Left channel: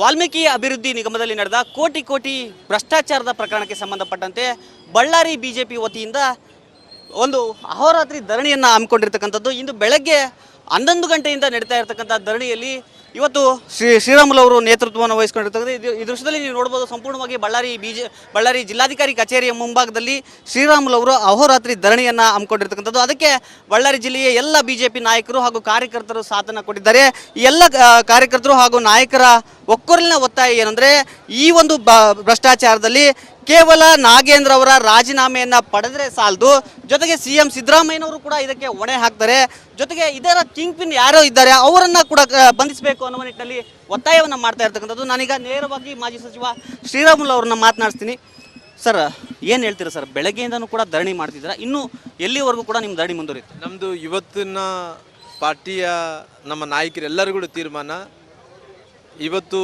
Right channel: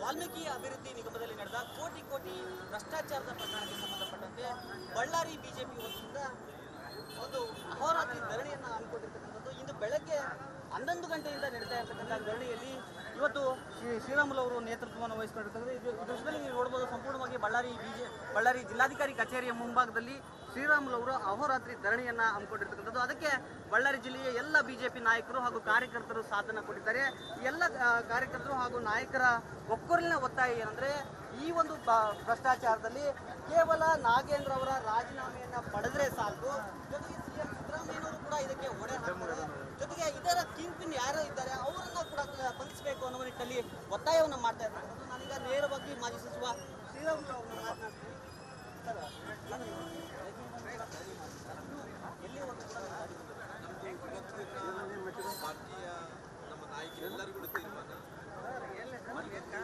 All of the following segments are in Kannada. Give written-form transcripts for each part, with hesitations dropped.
ವಾಲ್ಮೀಕಿ ಅಭಿವೃದ್ಧಿ ನಿಗಮದಲ್ಲಿ ನಡೆದ ಕೋಟಿ ಕೋಟಿ ಭ್ರಷ್ಟಾಚಾರದ ಪ್ರಕರಣಕ್ಕೆ ಸಂಬಂಧಪಟ್ಟಂತೆ ಬಳ್ಳಾರಿ ಬಿಜೆಪಿ ವತಿಯಿಂದ ಒಂದು ಅಹೋರಾತ್ರಿ ಧರಣಿಯನ್ನು ಹಮ್ಮಿಕೊಂಡಿರ್ತಕ್ಕಂಥದ್ದು. ಇಂದು ಬೆಳಗ್ಗೆ 11 ಗಂಟೆಯಿಂದ ನಡೀತಾ ಇರತಕ್ಕಂಥ ಧರಣಿಯಲ್ಲಿ ಇವತ್ತು ಶ್ರೀರಾಮುಲು ಅವರು ನೇತೃತ್ವವನ್ನು ವಹಿಸಿಕೊಂಡಿರ್ತಕ್ಕಂಥ ಈ ದೃಶ್ಯದಲ್ಲಿ ನೀವು ನೋಡ್ಬೋದು. ಸಂಪೂರ್ಣವಾಗಿ ಬಳ್ಳಾರಿ ಜಿಲ್ಲಾಧಿಕಾರಿ ಕಚೇರಿಯ ಮುಂಭಾಗದಲ್ಲಿ ಶ್ರೀರಾಮುಲು ಅವರು ಅಹೋರಾತ್ರಿ ಧರಣಿಯನ್ನು ಹಮ್ಮಿಕೊಂಡಿರ್ತಕ್ಕಂಥದ್ದು. ಅದಕ್ಕೆ ಬಳ್ಳಾರಿ ಜಿಲ್ಲೆಯ ಎಲ್ಲ ಬಿಜೆಪಿ ನಾಯಕರು ಹಾಗೂ ಕಾರ್ಯಕರ್ತರು ಸಾಥನ್ನು ಕೊಟ್ಟಿದ್ದಾರೆ. ಈ ಎಲ್ಲ ಕಾರ್ಯಕರ್ತರು ಹಾಗೂ ನಾಯಕರ ಒಕ್ಕೊರಲಿನ ಒತ್ತಾಯ ಏನಂದರೆ, ಈ ಒಂದು ಭ್ರಷ್ಟಾಚಾರದಲ್ಲಿ ಕೇವಲ ನಾಗೇಂದ್ರ ಅವರ ರಾಜೀನಾಮೆಯನ್ನು ಪಡೆದರೆ ಸಾಲದು, ಜೊತೆಗೆ CM ಸಿದ್ದರಾಮಯ್ಯನವರು ಕೂಡ ಇದಕ್ಕೆ ಹೊಣೆ ಹಾಕ್ತಾರೆ, ಜೊತೆಗೆ ಇದರ ಕಿಂಗ್ ಪಿನ್ ಯಾರೋ ಇದ್ದಾರೆ ಅವರನ್ನು ಕೂಡ ಬಂಧಿಸಬೇಕು ಅನ್ನುವ ನಿಟ್ಟಿನಲ್ಲಿ ಒತ್ತಾಯವನ್ನು ಮಾಡ್ತಾ ಇರ್ತಕ್ಕಂಥದ್ದು. ನಾನೀಗ ನೇರವಾಗಿ ಮಾಜಿ ಸಚಿವ ಶ್ರೀರಾಮುಲು ಅವ್ರನ್ನ ಮಾತನಾಡ್ತೀನಿ. ಸರ್, ಏನು ಹೇಳ್ತೀರಾ ಸರ್? ಬೆಳಗ್ಗೆಯಿಂದನೂ ಕೂಡ ಧರಣಿ ಮಾಡ್ತಿದ್ದೀರಾ, ಇನ್ನೂ ಎಲ್ಲಿವರೆಗೂ ಕೂಡ ನಿಮ್ಮ ಧರಣಿ ಮುಂದುವರಿಯುತ್ತೆ? ನಮ್ಮದು ಇವತ್ತಿನ ಪಾರ್ಟಿಯ ನಮ್ಮ ನಾಯಕರೆಲ್ಲರಿಗೂ ತೀರ್ಮಾನ, ಇವತ್ತು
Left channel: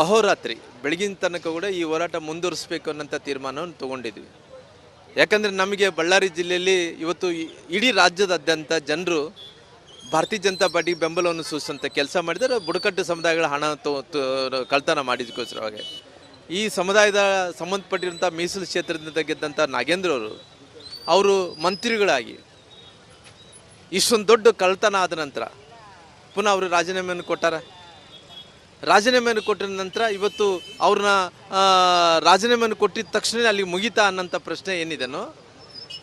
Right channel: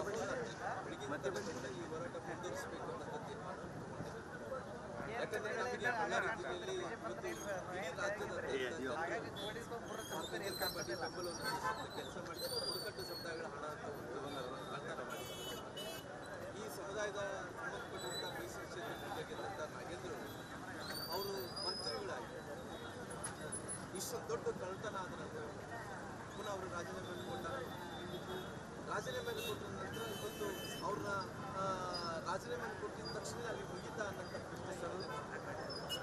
ಅಹೋರಾತ್ರಿ ಬೆಳಗಿನ ತನಕ ಕೂಡ ಈ ಹೋರಾಟ ಮುಂದುವರಿಸಬೇಕು ಅನ್ನೋಂಥ ತೀರ್ಮಾನವನ್ನು ತೊಗೊಂಡಿದ್ವಿ. ಯಾಕಂದರೆ ನಮಗೆ ಬಳ್ಳಾರಿ ಜಿಲ್ಲೆಯಲ್ಲಿ ಇವತ್ತು ಇಡೀ ರಾಜ್ಯದಾದ್ಯಂತ ಜನರು ಭಾರತೀಯ ಜನತಾ ಪಾರ್ಟಿ ಬೆಂಬಲವನ್ನು ಸೂಚಿಸುವಂಥ ಕೆಲಸ ಮಾಡಿದರೆ, ಬುಡಕಟ್ಟು ಸಮುದಾಯಗಳ ಹಣ ಕಳ್ತನ ಮಾಡಿದಕ್ಕೋಸ್ಕರವಾಗಿ ಈ ಸಮುದಾಯದ ಸಂಬಂಧಪಟ್ಟಿರುವಂಥ ಮೀಸಲು ಕ್ಷೇತ್ರದಿಂದ ಗೆದ್ದಂಥ ನಾಗೇಂದ್ರ ಅವರು ಮಂತ್ರಿಗಳಾಗಿ ಇಷ್ಟೊಂದು ದೊಡ್ಡ ಕಳ್ತನ ಆದ ನಂತರ ಪುನಃ ಅವರು ರಾಜೀನಾಮೆಯನ್ನು ಕೊಟ್ಟಾರ. ರಾಜೀನಾಮೆಯನ್ನು ಕೊಟ್ಟ ನಂತರ ಇವತ್ತು ಅವ್ರನ್ನ ರಾಜೀನಾಮೆಯನ್ನು ಕೊಟ್ಟಿದ ತಕ್ಷಣ ಅಲ್ಲಿ ಮುಗಿತಾ ಅನ್ನೋಂಥ ಪ್ರಶ್ನೆ ಏನಿದೆನೋ,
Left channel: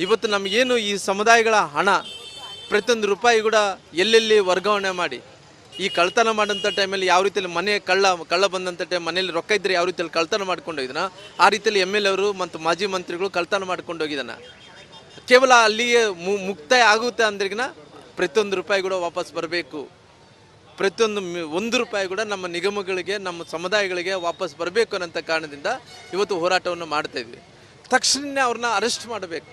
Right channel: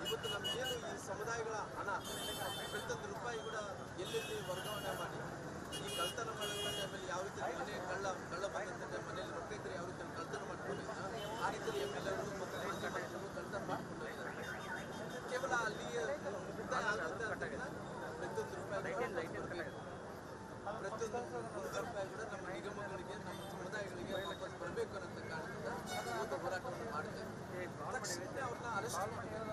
ಇವತ್ತು ನಮಗೇನು ಈ ಸಮುದಾಯಗಳ ಹಣ ಪ್ರತಿಯೊಂದು ರೂಪಾಯಿ ಕೂಡ ಎಲ್ಲೆಲ್ಲಿ ವರ್ಗಾವಣೆ ಮಾಡಿ ಈ ಕಳ್ತನ ಮಾಡೋಂಥ ಟೈಮಲ್ಲಿ ಯಾವ ರೀತಿಯಲ್ಲಿ ಮನೆ ಕಳ್ಳ ಬಂದಂಥ ಟೈಮ್ ಮನೇಲಿ ರೊಕ್ಕ ಇದ್ದರೆ ಯಾವ ರೀತಿಯಲ್ಲಿ ಕಳ್ತನ ಮಾಡ್ಕೊಂಡು ಹೋಗಿದ್ದಾನ, ಆ ರೀತಿಯಲ್ಲಿ MLA ಅವರು ಮತ್ತು ಮಾಜಿ ಮಂತ್ರಿಗಳು ಕಳ್ತನ ಮಾಡ್ಕೊಂಡು ಹೋಗಿದ್ದಾನ. ಕೇವಲ ಅಲ್ಲಿಗೆ ಮುಕ್ತಾಯ ಆಗುತ್ತೆ ಅಂದ್ರಿಗಿನ ಪ್ರತಿಯೊಂದು ರೂಪಾಯಿ ಕೂಡ ವಾಪಸ್ ಬರಬೇಕು, ಪ್ರತಿಯೊಂದು 1 ರೂಪಾಯಿ ಕೂಡ ನಮ್ಮ ನಿಗಮಗಳಿಗೆ ನಮ್ಮ ಸಮುದಾಯಗಳಿಗೆ ವಾಪಸ್ ಬರಬೇಕು ಅನ್ನೋಂಥ ಕಾರಣದಿಂದ ಇವತ್ತು ಹೋರಾಟವನ್ನು ಮಾಡ್ತಾ ಇದ್ವಿ. ತಕ್ಷಣ ಅವ್ರನ್ನ ಅರೆಸ್ಟ್ ಮಾಡಬೇಕು,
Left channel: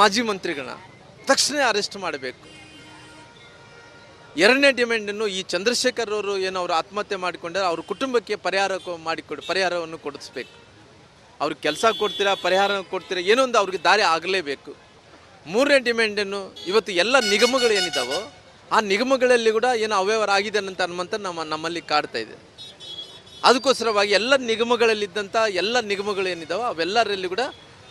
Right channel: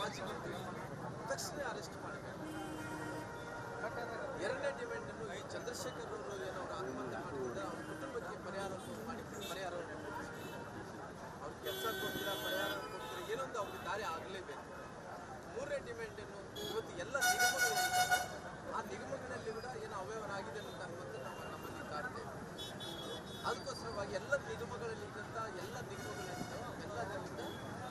ಮಾಜಿ ಮಂತ್ರಿಗಳನ್ನ ತಕ್ಷಣ ಅರೆಸ್ಟ್ ಮಾಡಬೇಕು. ಎರಡನೇ ಡಿಮ್ಯಾಂಡನ್ನು ಈ ಚಂದ್ರಶೇಖರ್ ಅವರು ಏನು ಅವರು ಆತ್ಮಹತ್ಯೆ ಮಾಡಿಕೊಂಡ್ರೆ ಅವ್ರ ಕುಟುಂಬಕ್ಕೆ ಪರಿಹಾರವನ್ನು ಕೊಡಿಸ್ಬೇಕು. ಅವ್ರಿಗೆ ಕೆಲಸ ಕೊಡ್ತೀರಾ, ಪರಿಹಾರ ಕೊಡ್ತೀರಾ, ಏನೋ ಒಂದು ಅವ್ರಿಗೆ ದಾರಿ ಆಗಲೇಬೇಕು. ಮೂರನೇ ಡಿಮ್ಯಾಂಡನ್ನು ಇವತ್ತು ಎಲ್ಲ ನಿಗಮಗಳು ಏನಿದ್ದಾವೋ ಆ ನಿಗಮಗಳಲ್ಲಿ ಕೂಡ ಏನೋ ಅವ್ಯವಹಾರ ಆಗಿದೆ ಅಂತ ಅನ್ನುವಂಥ ನಮ್ಮಲ್ಲಿ ಕಾಡ್ತಾ ಇದೆ. ಅದಕ್ಕೋಸ್ಕರವಾಗಿ ಎಲ್ಲ ನಿಗಮಗಳಲ್ಲಿದ್ದಂಥ ಎಲ್ಲ ನಿಗಮಗಳು ಏನಿದ್ದಾವೋ ಅವೆಲ್ಲರಲ್ಲಿ ಕೂಡ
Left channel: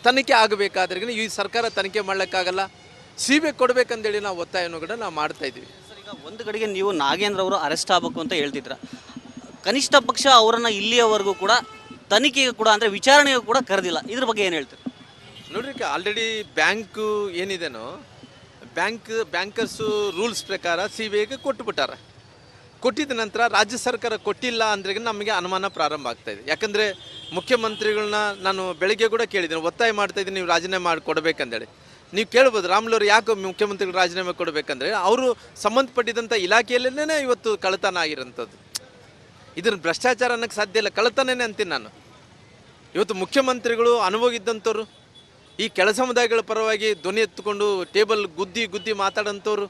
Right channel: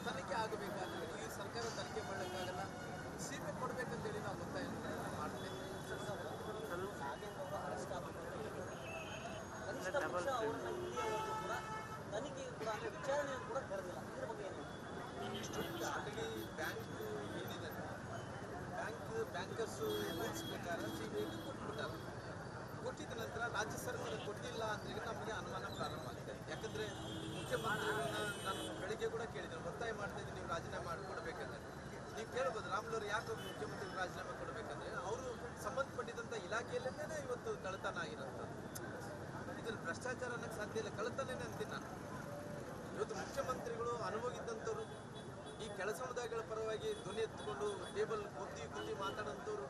ತನಿಖೆ ಆಗಬೇಕಾದ್ರೆ ಈ ಸರ್ಕಾರ ತನಿಖೆ ಮಾಡ್ಲಿಕ್ಕಾಗಲ್ಲ, CBI ಕೊಡಬೇಕಂತೇಳಿ ನಾವು ಒತ್ತಾಯವನ್ನು ಕೂಡ ನಾವು ಮಾಡ್ತಾ ಇದ್ದೀವಿ. ಈಗ ಒಂದು ಕಡೆಗೆ ನೀವು ನಾಗೇಂದ್ರ ಅವರು ಅರೆಸ್ಟ್ ಆಗಬೇಕು ಅಂತ ಹೇಳ್ತಿದ್ರ, ಕನಿಷ್ಠ ಪಕ್ಷ ಅವರನ್ನು ಇಲ್ಲಿಯವರೆಗೂ ಕೂಡ ತನಿಖೆಗೆ ಕೂಡ ಅಂದರೆ ವಿಚಾರಣೆಗೂ ಕೂಡ ಕರೆದಿಲ್ಲ, ಇದ್ರ ಬಗ್ಗೆ ಏನು ಹೇಳ್ತೀರಿ? ನೋಡ್ರಿ, ಆಲ್ರೆಡಿ ಬ್ಯಾಂಕು ಏನಿದೆನೋ ಬ್ಯಾಂಕರ್ಸು ರೂಲ್ಸ್ ಪ್ರಕಾರ CBIಗೆ ಕೊಟ್ಟುಬಿಟ್ಟಾರೆ. ಕೊಟ್ಟಿದ ನಂತರ ರಾಜ್ಯ ಸರ್ಕಾರ ಕೊಟ್ಟಿಲ್ಲ ಅಂದ್ರೆ ನಮಗೆ ಅನುಮಾನ ಪ್ರಾರಂಭ ಆಗ್ತಾ ಇದೆ. ಯಾಕಂದರೆ ಮುಖ್ಯಮಂತ್ರಿಗಳನ್ನ ನಾನು ಬೆಳಿಗ್ಗೆ ಕೂಡ ಕೇಳಿದ್ದೀನಿ, ಒತ್ತಾಯ ಮಾಡ್ತಾ ಇದ್ದೀನಿ ನೀವು ರಾಜೀನಾಮೆ ಮಾಡಿ ಕೊಡಬೇಕಂದೇಳಿ. ನೀವು ಕೇಳ್ಬೋದು, ರಾಮುಲು ಯಾಕೆ ಮುಖ್ಯಮಂತ್ರಿಗಳು ರಾಜೀನಾಮೆ ಕೊಡಬೇಕಂದ್ರೆ ಅವರು ಸಂಬಂಧಪಟ್ಟಿದ್ದಂಥ ಇಲಾಖೆಯಲ್ಲೇ ಇವತ್ತು ಕಳ್ಳತನ ಆಗಿರೋಂಥದ್ದು. ಇದನ್ನು ಭ್ರಷ್ಟಾಚಾರ ಅನ್ನೋಕ್ಕೆ ಸಾಧ್ಯ ಇಲ್ಲ, ಕಳ್ಳತನೇ ಅಂತೀನಿ ನಾನು. ಇವತ್ತು ಮುಖ್ಯಮಂತ್ರಿಗಳು ಅನುಭವ ಇದ್ದಂಥವ್ರು, ಈ ಕೆಳ ಸಮುದಾಯಗಳ ಪರವಾಗಿ ಧ್ವನಿ ಎತ್ತುಕೊಂಡು ಟೇಬಲ್ ಗುದ್ದಿ ಮಾತಾಡೋಂಥವ್ರು,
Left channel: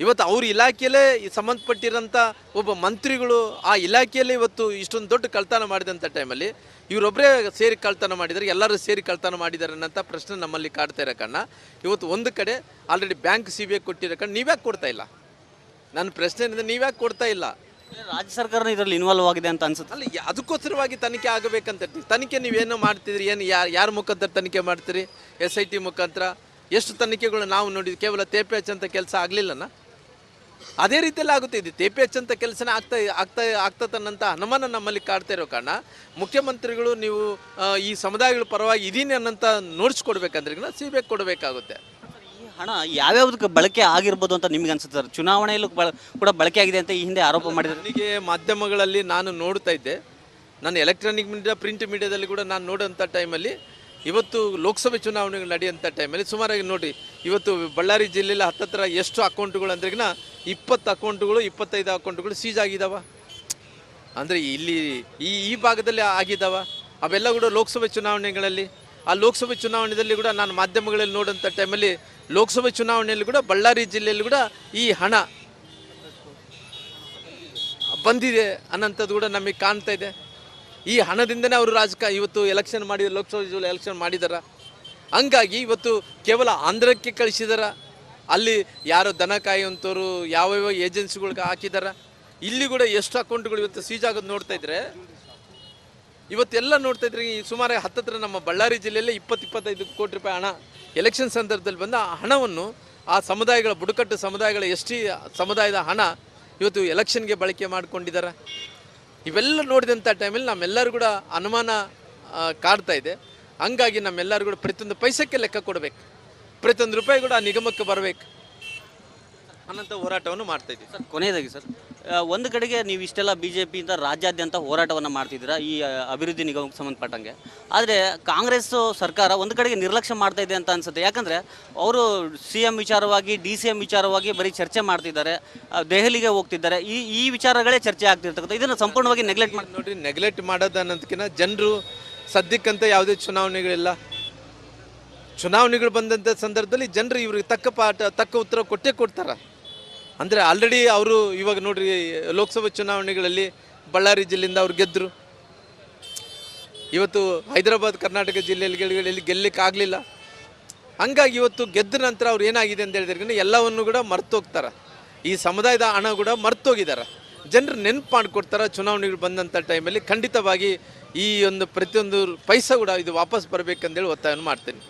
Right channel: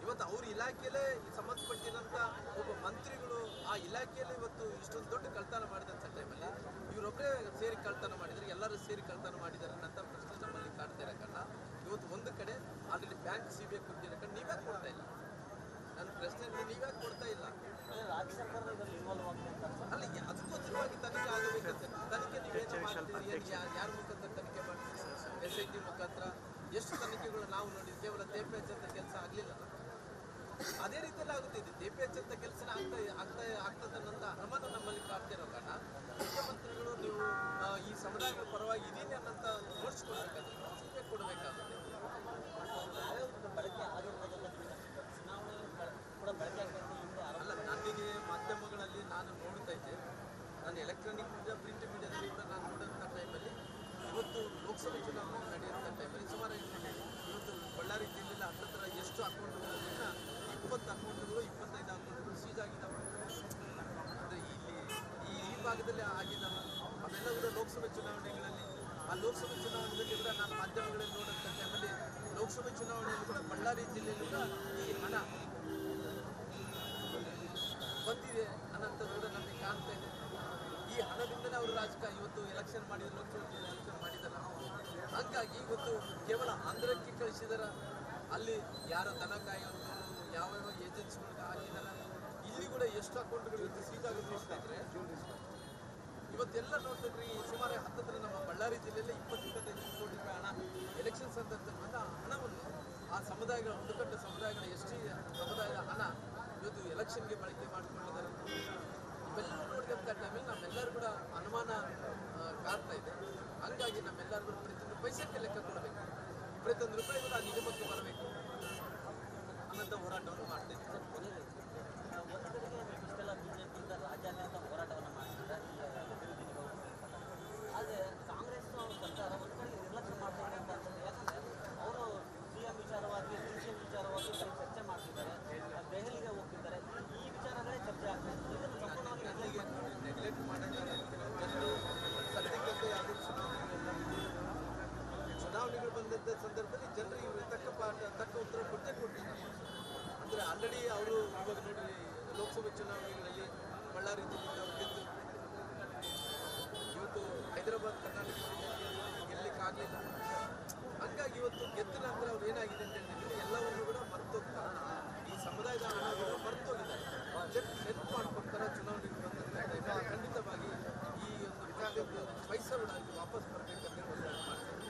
ಇವತ್ತು ಅವ್ರ ಇಲಾಖೆಯಲ್ಲೇ ಸಂಬಂಧಪಟ್ಟಿರೋಂಥ ಒಬ್ಬ ಮಂತ್ರಿಗಳು ಆ ಇಲಾಖೆಯಲ್ಲೇ ಇವತ್ತು ಇಷ್ಟೊಂದು ದೊಡ್ಡ ಕಳ್ತನ ಮಾಡಿದಂಥ ಟೈಮಲ್ಲಿ ಇವರೊಬ್ಬರೇ ಸೇರಿ ಕಳ್ತನ ಮಾಡಿದ್ದಾರೆ, ಎಲ್ಲರೂ ಸೇರಿ ಕಳ್ತನ ಮಾಡಿದ್ದಾರೆ ಅನ್ನೋಂಥ ಪ್ರಶ್ನೆ ನಮ್ಮಲ್ಲಿ ಕಾಡ್ತಾ ಇರೋ ಕಾರಣ ಇವತ್ತು ಒಂದು ಕಡೆ ಆಲ್ರೆಡಿ ಬ್ಯಾಂಕ್ CBI ಕೊಟ್ಟಿರೋ ಕಾರಣ ನೀವ್ಯಾಕೆ ಕೊಡ್ತಾ ಇಲ್ಲ? ನನ್ನ ಪ್ರಶ್ನೆ ಏನಿದೆ, ನೀವ್ಯಾಕೆ ಕೊಡ್ತಾ ಇಲ್ಲ? ರಾಜ್ಯ ಸರ್ಕಾರ ಇದರಲ್ಲಿ ಇನ್ವಾಲ್ವ್ ಆಗಿದೆ ಅಂತ ಅನ್ಸುತ್ತೆ. ಅಲ್ಲ, ಅದಕ್ಕೋಸ್ಕರವಾಗಿ ತನಿಖೆ ಆಗಬೇಕಂತ. ತನಿಖೆ ನೀವೇನು ಮಾಡ್ತಿದ್ರಿ, ಏನು ಯಾರ ಮುಖಾಂತರ ತನಿಖೆ ಮಾಡ್ತೀರಿ? SIT ಮುಖಾಂತರ ಎಷ್ಟು ತನಿಖೆಗಳು ನಾವು ನೋಡಿದ್ವಿ, ಕೇವಲ ತೇಪೆ ಹಚ್ಚಂತ ಕೆಲಸ ಆಗಲಿಲ್ಲನ? ಅದೇ ರೀತಿಯಲ್ಲಿ ಆಗುತ್ತೆ. ಇದು ತೇಪೆ ಹಚ್ಚಂತ ಕೆಲಸನೇ ಆಗ್ತದನ್ನಂಥ ಅನುಮಾನ ನಮ್ಮಲ್ಲಿ ಕಾಡ್ತಾ ಇರೋ ಕಾರಣ ಮುಖ್ಯಮಂತ್ರಿಗಳು ನೀವು ಈ ಸಮುದಾಯಗಳ ಪರವಾಗಿ ಇದೀನಿ ಅನ್ನೋಂಥ ನೋಡಿಸ್ಕೊಡ್ಬೇಕಂದ್ರೆ CBI ಕೊಡಬೇಕಾಗುತ್ತೆ. ಹಣ ಯಾವ್ಯಾವುದಕ್ಕೆ ಬಳಕೆ ಆಗಿರ್ಬೋದು ಅಂತ ನಿಮ್ಗೆ ಅನ್ಸುತ್ತೆ ಸರ್? ಚುನಾವಣೆಯಲ್ಲೂ ಕೂಡ ಬಳಕೆ ಆಗಿದೆ ಅಂತ ಈ ಹಿಂದೆ ಆರೋಪ ಮಾಡಿದ್ದಾರೆ. ನನಗೆ ಮಾಧ್ಯಮಗಳಲ್ಲಿ ನಾನು ನೋಡ್ತಾ ಇದ್ದೆ, ನಾನು ಎಲೆಕ್ಟ್ರಾನಿಕ್ ಮೀಡಿಯಾ, ಪ್ರಿಂಟ್ ಮೀಡಿಯಾದಲ್ಲಿ ಕೂಡ ನಾನು ನೋಡೋಂಥ ಟೈಮಲ್ಲಿ ಇವತ್ತು ಲೋಕಸಭೆ ಚುನಾವಣೆಗಳು ನಡೆಯುವಂಥ ಟೈಮಲ್ಲಿ ಸುಮಾರಾಗಿ ನೋಡಿ, ಇವತ್ತು ಬಳ್ಳಾರಿ ಜಿಲ್ಲೆಯಲ್ಲಿ ಹತ್ತತ್ರ ಎಷ್ಟು ಅಕೌಂಟ್ಗಳು ಅಂದ್ರೆಗಿನ 20 ಅಕೌಂಟ್ಗಳು 25 ಅಕೌಂಟ್ಗಳು ಸೀಜ್ ಆಗಿದ್ದಾವ. ಅಂದರೆ ಇಲ್ಲಿ ಈ ಭಾಗದಲ್ಲಿ ಆಗಿದ್ದಾವ. ಅವೆಲ್ಲ ಕೂಡ ಲೋಕಸಭೆ ಚುನಾವಣೆಗಳಲ್ಲಿ, ಆ ಲೋಕಸಭೆ ಚುನಾವಣೆಯಲ್ಲಿ ಕೂಡ ನಾನು ಮಾಧ್ಯಮಗಳಲ್ಲಿ ನೋಡೋಂಥ ಟೈಮಲ್ಲಿ ಲೋಕಸಭೆ ಚುನಾವಣೆಯಲ್ಲಿ ಕೂಡ ಬಳ್ಳಾರಿ ಜಿಲ್ಲೆಯಲ್ಲಿ ಕೂಡ ಈ ಹಣ ಬಂದಿದೆ ಅನ್ನೋಂಥದ್ದು ಕೂಡ ನಮಗೆ ಕಾಣ್ತಾ ಇದೆ. ಈ ಹಣದಿಂದನೇ ಅವರು ಇವತ್ತು ಎಲೆಕ್ಷನ್ ಮಾಡಿದ ಲೋಕಸಭೆ ಎಲೆಕ್ಷನ್ ಮಾಡಿದಾರ. ಹಂಗಾಗಿ ಇವತ್ತು ಕೇವಲ ಆಂಧ್ರಕ್ಕೆ ಕಳಿಸಿದಾರ, ಅಲ್ಲಿ ಯಾರೋ ದನ ಕಾಯುವಂಥವ್ರು ಯಾವ್ಯಾವ ಏಜೆನ್ಸಿಗಳ್ಗೆ ಹಾಕಿದಾರ. ಇಲ್ಲಿ ಕೂಡ ಎಷ್ಟು ಅಕೌಂಟ್ಗಳು ಇವತ್ತು ಸೀಜ್ ಆಗೋದು ನೋಡ್ತಾ ಇದ್ರೆ, ಇವತ್ತೆಲ್ಲ ನೋಡ್ತಾ ಇದ್ರೆ ಈ ಸುಮಾರು ಹತ್ತತ್ರ ನಮ್ಮ ಬಳ್ಳಾರಿ ಜಿಲ್ಲೆಯಲ್ಲಿ 20-25 ಕೋಟಿ ರೂಪಾಯಿ ಹಣ ಎಲೆಕ್ಷನ್ ಸಂದರ್ಭದಲ್ಲಿ ಬಂದ ಆ ಹಣವನ್ನು ಆ ಸಮುದಾಯಗಳ ಬುಡಕಟ್ಟು ಸಮುದಾಯಗಳ ST ಸಮುದಾಯದ ಹಣ ಇವತ್ತು ಎಲೆಕ್ಷನ್ಗೆ ಬಳಕೆ ಮಾಡಿಕೊಂಡಿದ್ದಾರೆ. ಇವೆಲ್ಲ ನೋಡಿದಂಥ ಟೈಮಲ್ಲಿ ನಮ್ಮೆಲ್ಲರೂ ಕೂಡ ಅನುಮಾನ ಕಾಡ್ತಾ ಇದೆ. ಹಂಗಾಗಿ ನಮ್ಮೆಲ್ಲರೂ ಕೂಡ ಪ್ರತಿಯೊಂದು ಪೈಸಕ್ಕೆ ಲೆಕ್ಕ ಕೊಡಬೇಕು, ಪ್ರತಿಯೊಂದು ರೂಪಾಯಿ ಕೂಡ ಆ ನಿಗಮಕ್ಕೆ ಬರಬೇಕು ಅನ್ನೋಂಥ ಹೋರಾಟವನ್ನು ಮಾಡ್ತಾ ಇದ್ದೀವಿ. ಸರ್ ಕೊನೆಯದಾಗಿ ಸರ್, ಒಂದು ಕಡೆಗೆ ನೀವು ಇಷ್ಟೆಲ್ಲ BJPಯಿಂದ ರಾಜ್ಯಾದ್ಯಂತ ಹೋರಾಟವನ್ನು ಮಾಡ್ತಿದ್ದೀರಾ ಈ ಅಭಿವೃದ್ಧಿ ನಿಗಮಕ್ಕೆ ಸಂಬಂಧಪಟ್ಟಂಗೆ. ಆದರೆ ಕಾಂಗ್ರೆಸ್ ಸರ್ಕಾರ ಒಂದು ಕಡೆಗೆ ನಿರ್ಲಕ್ಷ್ಯ ಮಾಡ್ತಾ ಇದೆ ಅಂತ ಅನ್ಸುತ್ತೆ. ಯಾಕಂದರೆ ಅವರು CM ವಿಚಾರವಾಗಿ DCM ವಿಚಾರವಾಗಿ ಬರೀ ಚರ್ಚೆ ಮಾಡ್ತಿದ್ದಾರೆ, ದೆಹಲಿಗೆ ಹೋಗ್ತಿದ್ದಾರೆ, ಈ ವಿಚಾರಗಳೇ ಚರ್ಚೆ ಆಗ್ತಿರ್ತಕ್ಕಂಥ. ಇದನ್ನು ಸಂಪೂರ್ಣವಾಗಿ ನೆಗ್ಲೆಕ್ಟ್ ಮಾಡಿ ನೋಡ್ರಿ, ನೆಗ್ಲೆಕ್ಟ್ ಮಾಡೋದು ಅನ್ನೋದಕ್ಕಿಂತ ಜನರು ಸದ್ಯಕ್ಕಂತ ಯಾವುದೇ ಚುನಾವಣೆಗಳಿಲ್ಲ. ಚುನಾವಣೆಗಳು ಬಂದಂಥ ಸಂದರ್ಭದಲ್ಲಿ ಜನರು ಇವ್ರಿಗೆ ತಕ್ಕ ಉತ್ತರ ಕೊಡ್ತಾರೆ. ಅಂದರೆ ಆಲ್ರೆಡಿ ಅವರು ಇವಾಗ ನೋಡ್ರಿ ಲೋಕಸಭಾ ಚುನಾವಣೆಗಳಲ್ಲಿ ಬಳ್ಳಾರಿ ಜಿಲ್ಲೆಯಿಂದ ಅವ್ರು ಗೆದ್ದರು. ಇವತ್ತು ಹೈದರಾಬಾದ್ ಕರ್ನಾಟಕ ಜಿಲ್ಲೆಯಲ್ಲಿ ಗೆಲ್ಲಕ್ಕಾಗಲಿಲ್ಲ. ಹಂಗಾಗಿ ಇವತ್ತು ಗೆದ್ದ ನಂತರ ಅವ್ರು ಏನಾಗಿದೆ ಅಂತ ಹೇಳಿದ್ರೆ ಎಲ್ಲವನ್ನು ಕೂಡ ಮರ್ತೋಗ್ತಾರೆ. ಈ ಸಮುದಾಯದ ಹಣ ಕೂಡ ಮರ್ತೋಗಿದ್ದಾರೆ. ಜನರು ನೆನಪು ಮಾಡಿಕೊಡ್ತಾರೆ. ಚುನಾವಣೆಗಳು ಬಂದಂಥ ಟೈಮಲ್ಲಿ ಖಂಡಿತವಾಗಿ ಈ ಒಂದು ಪ್ರತಿಯೊಂದು ಪೈಸಾ ಕೂಡ ಇದು ವಾಪಸ್ ಬರಬೇಕಂತೇಳಿ ಒತ್ತಾಯವನ್ನು ಮಾಡ್ತೇನೆ.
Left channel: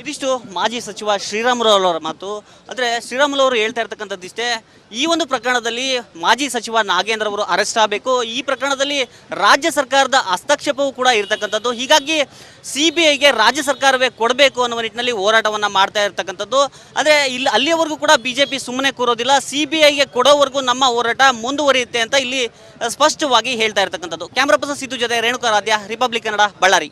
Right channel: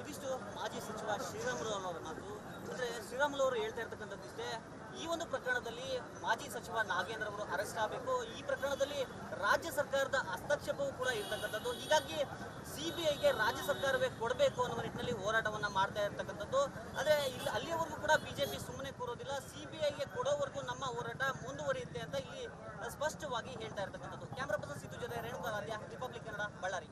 ಇದಿಷ್ಟು ಮಾಜಿ ಸಚಿವ ಶ್ರೀರಾಮುಲು ಅವರ ಮಾತು. ಅಂದರೆ ಶ್ರೀರಾಮುಲು ಅವರು ಹೇಳ್ತಾ ಇರ್ತಕ್ಕಂಥದ್ದು ಇಷ್ಟೇ, ಈ ಒಂದು ಪ್ರಕರಣದಲ್ಲಿ ಮಾಜಿ ಸಚಿವ ನಾಗೇಂದ್ರ ಅವರು ಅರೆಸ್ಟ್ ಆಗಬೇಕು. ಈ ಪ್ರಕರಣದಲ್ಲಿ ರಾಜ್ಯ ಸರ್ಕಾರದ ಹಸ್ತಕ್ಷೇಪವೂ ಕೂಡ ಇರತಕ್ಕಂಥದ್ದು. ಹೀಗಾಗಿ CBIಗೆ ರಾಜ್ಯ ಸರ್ಕಾರವೇ ಕೊಡಬೇಕು ಅನ್ನುವ ನಿಟ್ಟಿನಲ್ಲಿ ಹೋರಾಟವನ್ನು ಮಾಡ್ತಾ ಇರ್ತಕ್ಕಂಥದ್ದು. ಆದರೆ ಅಲ್ಲಿಯವರೆಗೂ ಕೂಡ BJP ಸುಮ್ಮನೆ ಕೂರೋದಿಲ್ಲ, CBIಗೆ ಕೊಡೋವರೆಗೂ ನಮ್ಮ ಹೋರಾಟ ಮುಂದುವರಿಯುತ್ತೆ ಅಂತ ಇಲ್ಲಿ ಸ್ಪಷ್ಟವಾಗಿ ಹೇಳ್ತಾ ಇರ್ತಕ್ಕಂಥದ್ದು. ಕ್ಯಾಮ್ರಾ ಪರ್ಸನ್ ಸಿದ್ದು ಜೊತೆ ರೇಣುಕಾ ರಾಧ್ಯ, ರಿಪಬ್ಲಿಕ್ ಕನ್ನಡ, ಬಳ್ಳಾರಿ.